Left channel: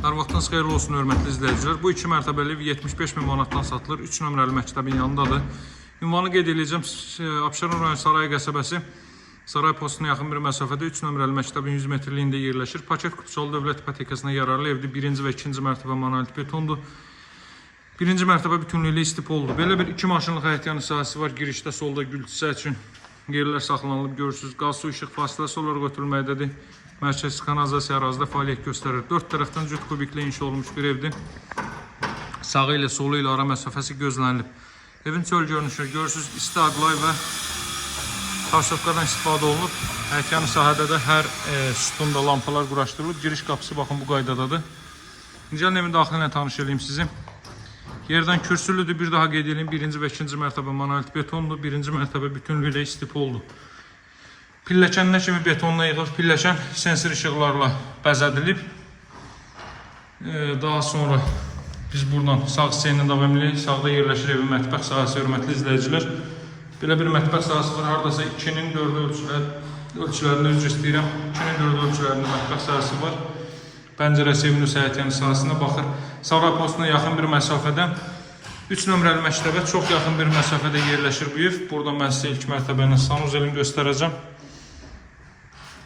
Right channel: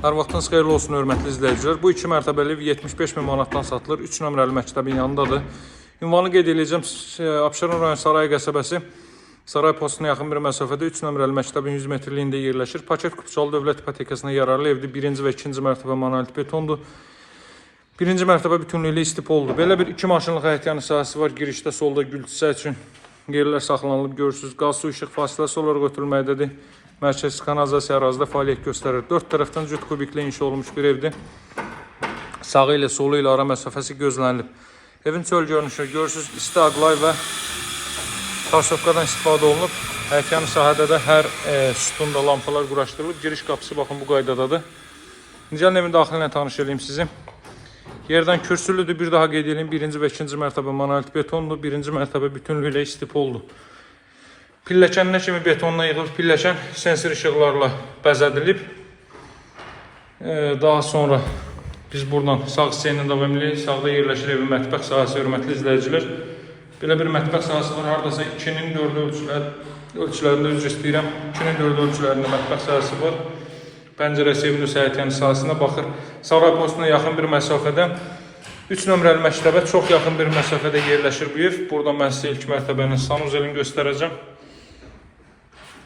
Hər vaxtınız xeyirli olsun, hörmətli izləyicilər. Bu 2 mərtəbəli ev 75 min manatdan satılır. 3 nömrəli məktəbin yanındadır. Ünvanı qeyd edəcəm. Abşeron rayon Saray qəsəbəsi Saray postuna yaxın bir məsafədə 3 nömrəli məktəbin 100 metrliyində yerləşir. Paket kupçalı dövlət ipotekasına yararlı evdir. 1-ci və 2-ci mərtəbə monolit betondur. 1-ci mərtəbə bütünlüklə istipoldur. Belə bir 2 maşınlıq həyətyanı sahəsi var. Girişdə solda gül çiçək üçün yerlər saxlanılıb görürsünüz. Qaz, su, işıq fasiləsi olaraq ötürülməkdədir. Mərkəzi kanalizasiya ərazidə fəaliyyət göstərir. 4 tərəfdən cüt kubiklə inşa olunmuş bir evdir. Sağı ilə solu ilə ara məsafəsi gözlənilib. Evin çöl görünüşü görürsünüz. İsti aqlay və taşovkadan istifadə olunub. Həyətyanı sahədə də hər sütunda lampalar quraşdırılıb. Giriş qapısı baxın bu qaydadadır. Gəlin evin daxilinə tanış edeyim sizi. Yerdən kürsülüdür. Bir daha qeyd edeyim. 1-ci və 2-ci mərtəbə monolit betondur. 1-ci mərtəbə bütünlüklə istipoldur. Pilləkənlə kimi betonla yığılıb, pilləkən sensor işıqlarla bəzədilib. Daha sonra biz buradan sağ hissəylə davam edirik. Sağda yerləşir evin mətbəx sahəsi, hörmətli izləyicilər. Belə bir mətbəx sahəsi var. Haradasa 2-nin 4 ölçülərində üzr istəyirəm. 2-nin 4 ölçülərində mətbəx sahəsi var. Pəncərəsi evin həyətyanı sahəsinə baxır. Saray postuna yaxın bir məsafədə 3 nömrəli məktəbə çox yaxın bir məsafədə yerləşir bu ev. Buradan mən sizə ilk mərtəbənin sanuzelini göstərəcəm.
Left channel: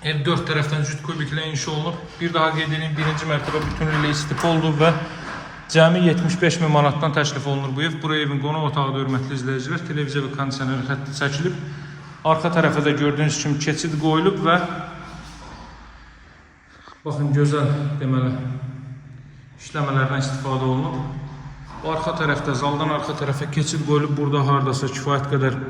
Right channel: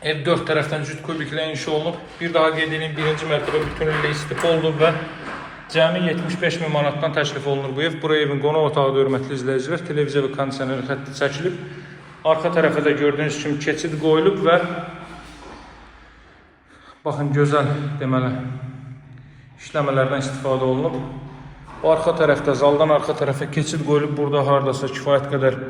Ev 4 tərəfdən cüt kubiklə inşa olunub. Bir daha qeyd edeyim, 1-ci mərtəbə bütünlüklə istipoldur və cəmi 75 min manatdan təklif olunur bu ev. Buraya evin qonaq otağıdır, hörmətli izləyicilər. Televiziya və kondisioner xətti çəkilib. Arxa tərəfə də gördüyünüz kimi keçid qoyulub və baxın, gözəl deməli işləmələrdən istifadə olunub. Bu arxa tərəfdə, zaldan arxa tərəfə keçid qoyulub. Burada haradasa kifayət qədər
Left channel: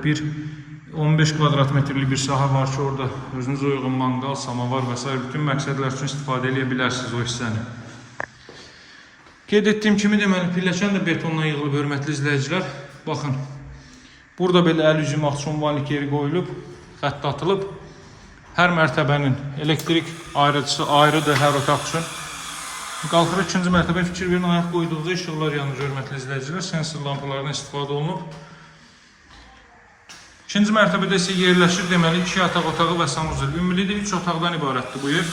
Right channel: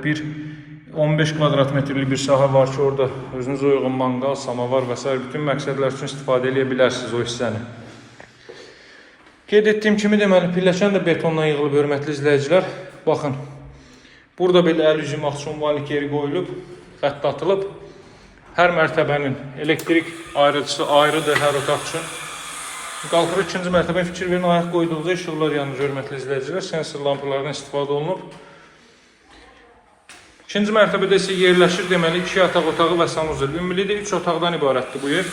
15 kvadrat metrlik bir sahə var ki, orada özünüz uyğun manqal, samavar və s. bütün məqsədlər üçün istifadə edə bilərsiniz o hissəni. Qeyd etdiyim kimi deməli pilləkən də betonla yığılıb, hörmətli izləyicilər. Baxın, burada belə əl üzüm axşamvanlik yeri qoyulub, xətt atılıb. Hər mərtəbənin elektrik ayrıcısı ayrıdır hər otaq üçün. Qalxırıq 2-ci mərtəbəyə, fikir verin, ayaq qoyduğunuzda işıqlar yanır, hörmətli izləyicilər. Sensor lampalardan istifadə olunub. 2-ci mərtəbədə isə yerləşir deməli 2 yataq otağı və sanuzel. Ümumilikdə 3 otaqdan ibarətdir bu ev.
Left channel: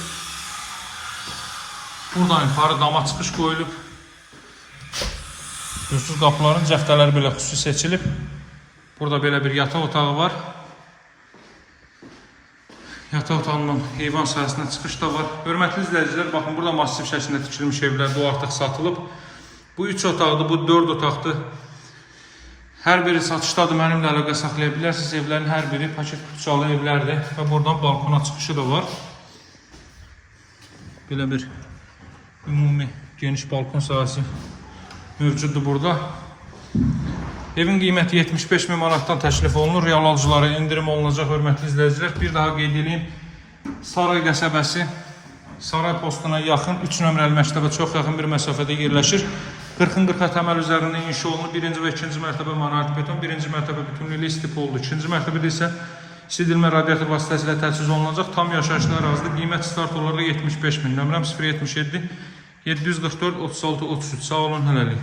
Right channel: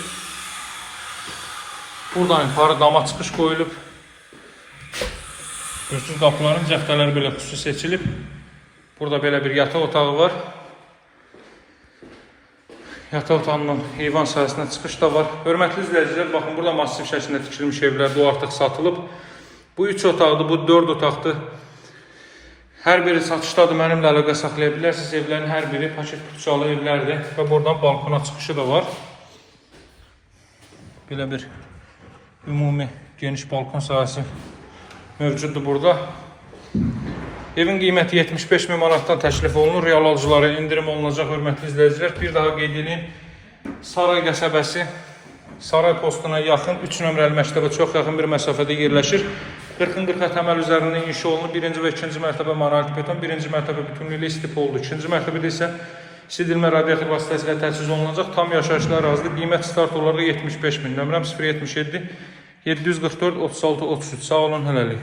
Buradan yuxarı dama çıxış qoyulub. Görürsünüz, qapıların cəftələri belə xüsusi seçilib. Burada belə bir yataq otağı var. Yataq otağından heyvan sahəsinə çıxış da var. Hörmətli izləyicilər, baxın, burada massiv şəklində tikilmiş evlər, bu artıq satılıb. Bu 3 otaqdır, bu 4 otaqdır. Hər biri satışdadır, mənimlə əlaqə saxlaya bilərsiniz. Evlərin hər biri paket kupçalı evlərdir və buradan balkona çıxışı da var. Belə bir ümumi geniş balkon sahəsi mövcuddur burada. Evin qiyməti 75 min manatdan təklif olunur. Real alıcılara endirim olunacaq, hörmətli izləyicilər. Bir daha qeyd edeyim, Saray qəsəbəsi Saray postuna yaxın 3 nömrəli məktəbə çox yaxın bir məsafədə yerləşir. 40-40 təməl üzərində inşa olunub. 1-ci və 2-ci mərtəbə monolit beton, 1-ci mərtəbə bütünlüklə istipoldur. 2-ci mərtəbədə isə sildilmə radiator vasitəsilə təchiz olunacaq. Tam yaşayışlı ərazidə qiymət start olaraq 75 min. Nömrəm 077 744 36 33. Sağ olun, hələlik.